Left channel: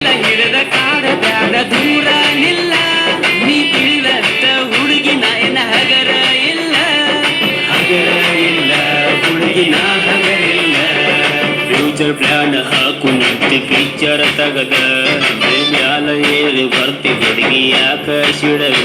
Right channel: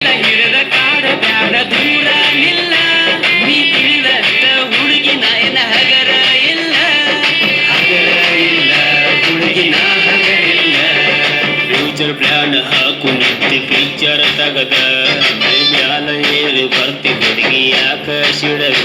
ಹಿಡಿದ ಕಾಡ ಬ್ಯಾಡ ದೂರ ನಿಲ್ಲ ನೀ ತಿಳಿದಷ್ಟ ಹುಡುಗಿನ ಏನ ಹಗರ ಇಲ್ಲ ಹುಡುಗಿನ ಹಗರಿಲ್ಲ ಫ್ಯೂಚರ್ ಪ್ಲಾನ್ ಹಾಕು ನತ್ತಿ ಪಿಕ್ಚರ್ ತಗದ ಮ್ಯಾಲ ಏರಿ ಬರ್ತಿ ಹುಡುಗಿ ಯಾಕ ಸಿಡದ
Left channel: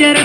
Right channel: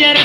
ಪಿಕ್ಚರ್